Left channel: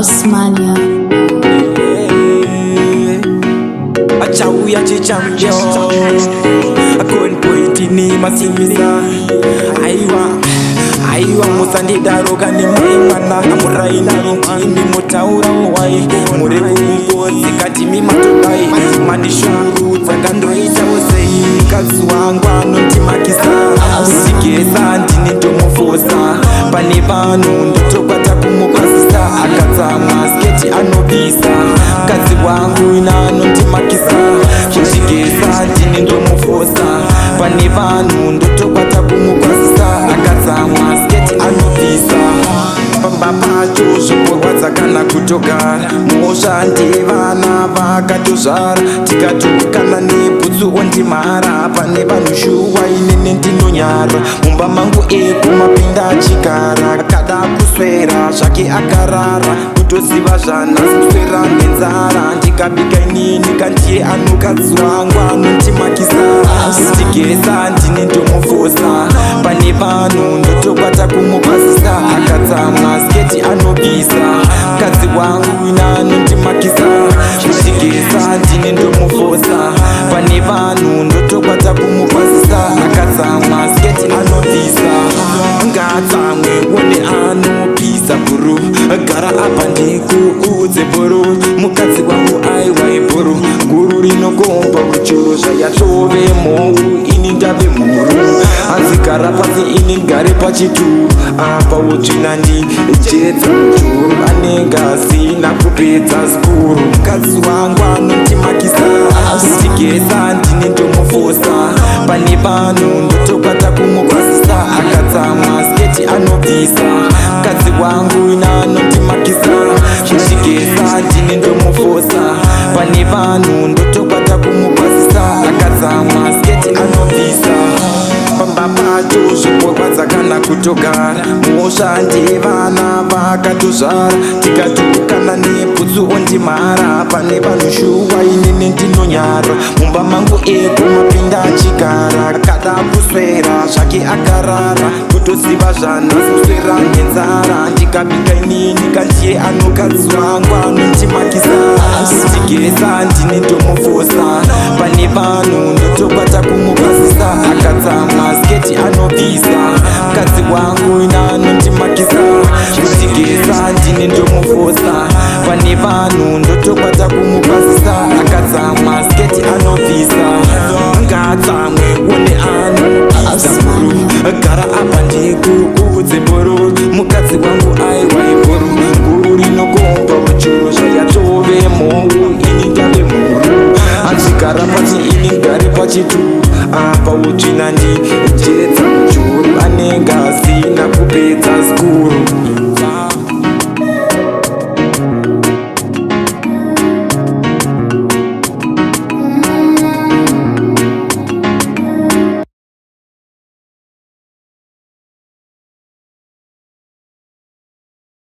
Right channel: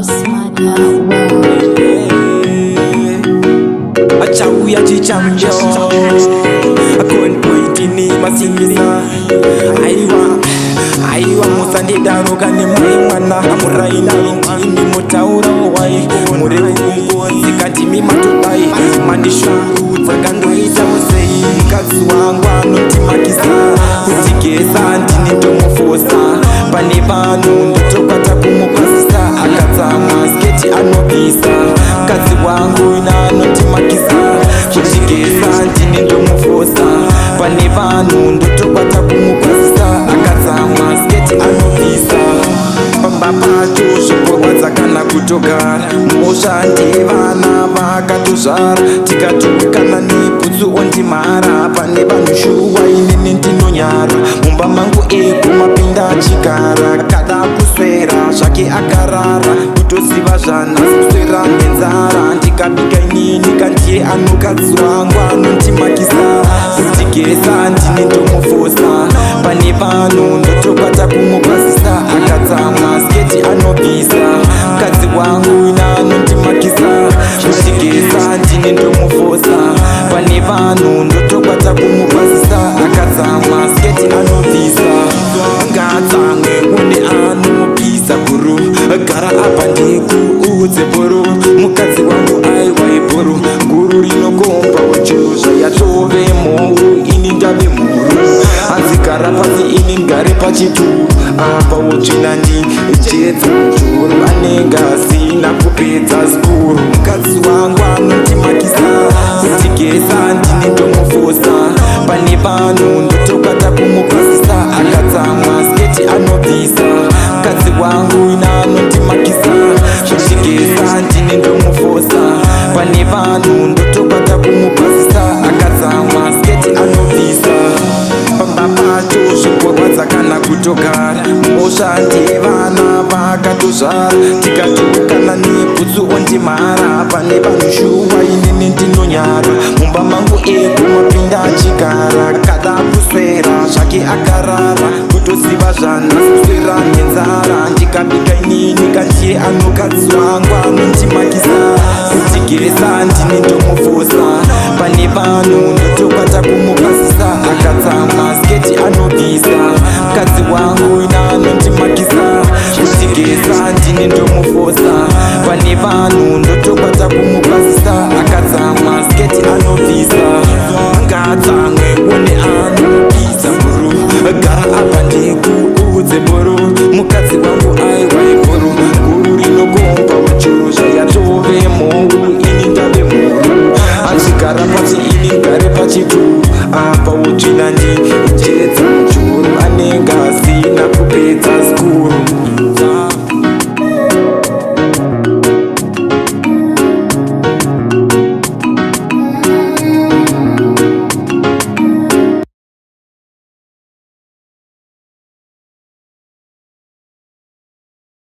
Osmania. Achauya chichamyo akonpoitini masimisa aiwa musandidaroka nemai mwana amurainitini mutaura wai muri kungozi kadimi matodai mandishurudza kandoitawo sei mukadzi wangu anondimakisa kutigesa ndini ndomufosa pane vanhu ndotokwata kumukwazisa akatsamwa sketi anobvisa mukadzi wangu ina anondimakisa kutigesa ndini ndomufosa pane vanhu ndotokwata kumukwazisa akatsamwa sketi anobvisa pamba pacho zvoporwadza kana kutogara muosha ndevana vakatozvara tikatukana nebhutsu ondimhara pane vanhu shuwa inene ndinonyara mumba mangu mapinda achigara kada kuswera zvake akarara kutoziva zvanhasi kuswera nenzara ndikabika inini kandiye anokadzi wangu anondimakisa kutigesa ndini ndomufosa pane vanhu ndotokwata kumukwazisa akatsamwa sketi anobvisa mukadzi wangu ina anondimakisa kutigesa ndini ndomufosa pane vanhu ndotokwata kumukwazisa akatsamwa sketi anobvisa ngatsamwe one anobvisa bhuru gara apa ndikuudze bhuru mukadzi wangu aiwai bhuru guru rinokomba wechuru zvayatove mhou ini ndave mhuru hanzi gara pasi ini ngare pachituru apa wotsvina ndijedza mujuru anenge asina kupedza skuru mukadzi wangu anondimakisa kutigesa ndini ndomufosa pane vanhu ndotokwata kumukwazisa akatsamwa sketi anobvisa mukadzi wangu ina anondimakisa kutigesa ndini ndomufosa pane vanhu ndotokwata kumukwazisa akatsamwa sketi anobvisa pamba pacho zvoporwadza kana kutogara muosha ndevana vakatozvara tikatukana nebhutsu ondimhara pane vanhu shuwa inene ndinonyara mumba mangu mapinda achigara kada kuswera zvake akarara kutoziva zvanhasi kuswera nenzara ndikabika inini kandiye anokadzi wangu anondimakisa kutigesa ndini ndomufosa pane vanhu ndotokwata kumukwazisa akatsamwa sketi anobvisa mukadzi wangu ina anondimakisa kutigesa ndini ndomufosa pane vanhu ndotokwata kumukwazisa akatsamwa sketi anobvisa ngatsamwe one anobvisa bhuru gara apa ndikuudze bhuru mukadzi wangu aiwai bhuru guru rinokomba wechuru zvayatove mhou ini ndave mhuru hanzi gara pasi ini ngare pachituru apa wotsvina ndijedza mujuru anenge asina kupedza skuru.